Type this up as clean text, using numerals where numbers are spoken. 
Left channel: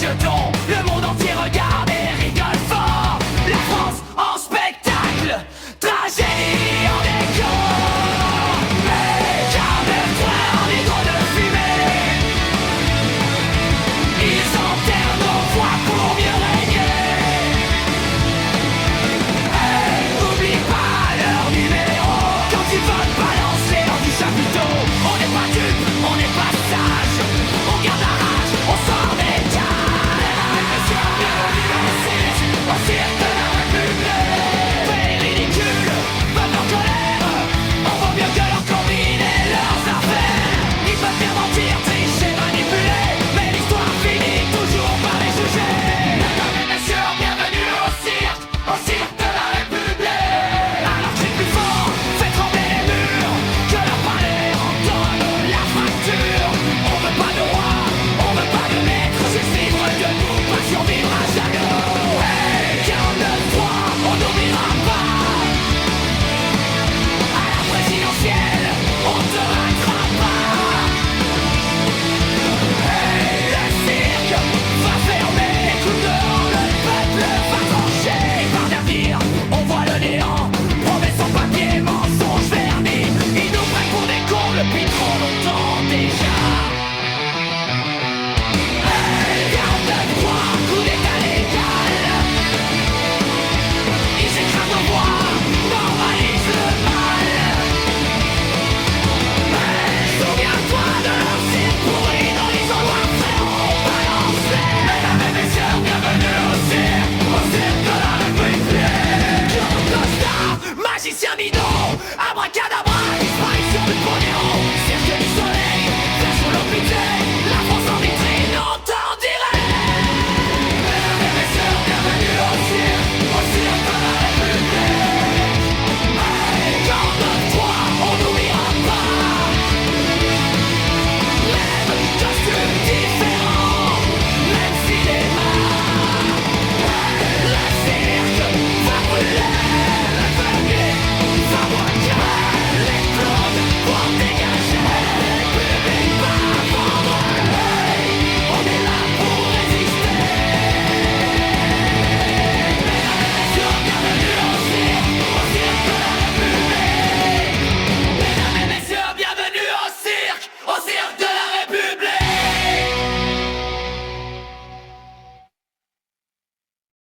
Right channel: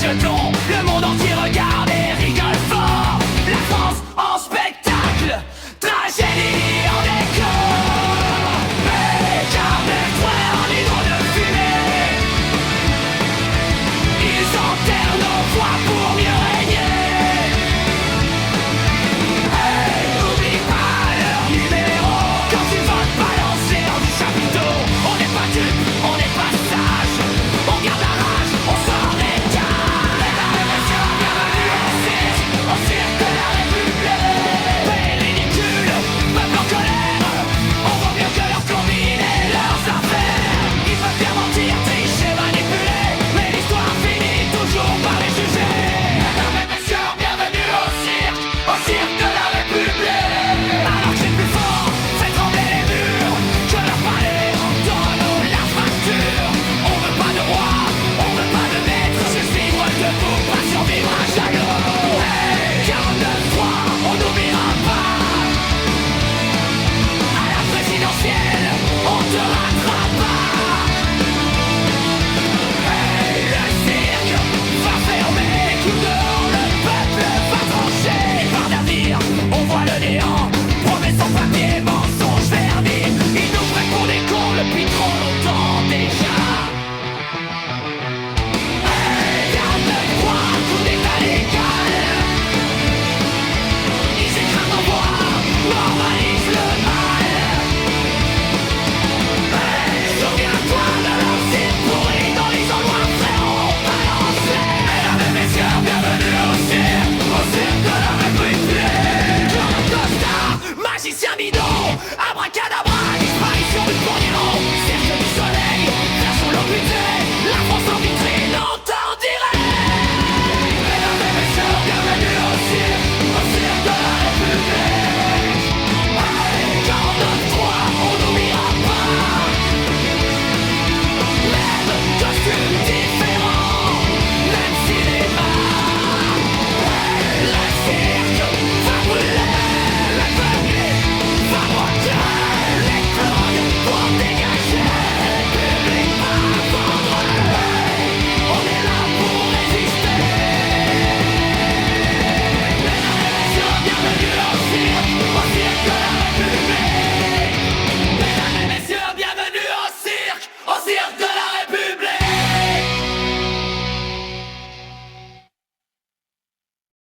jetons, le monde entier regarde et rigole fort. La France en spectacle, tragédie en décor. Mais 49.3 en hydro de fumée, ils enterrent nos voix pour mieux régner. Hey, oublie pas leur numéro. Quand tu votes, balance-les hors du chapiteau. On n'est pas dupes, on n'est pas sages. On garde la rage, on sort des cages. Mesdames et messieurs, bienvenue au cirque de la République. Pays ridicule, peuple en colère. On vaut mieux que leur combine et leurs affaires. Ils peuvent bien mentir, tricher, manipuler, mais l'histoire finit toujours par les juger. Mesdames et messieurs, bienvenue au cirque de la République. Alors crie plus fort, fais trembler les murs, que leur palais entonne la fracture. On veut pas de roi, on veut pas de maître, juste vivre debout, pas survivre à genoux. Hey, 49.3, on n'oubliera pas. À la présidentielle, on te rattrape pas. Hey, le cirque va fermer, les clous dehors, le peuple va trancher. Et par d'avenir, on voit le néant, promesses sans papier, mensonges vernis. Ils nous prennent pour des cons depuis trop longtemps déjà.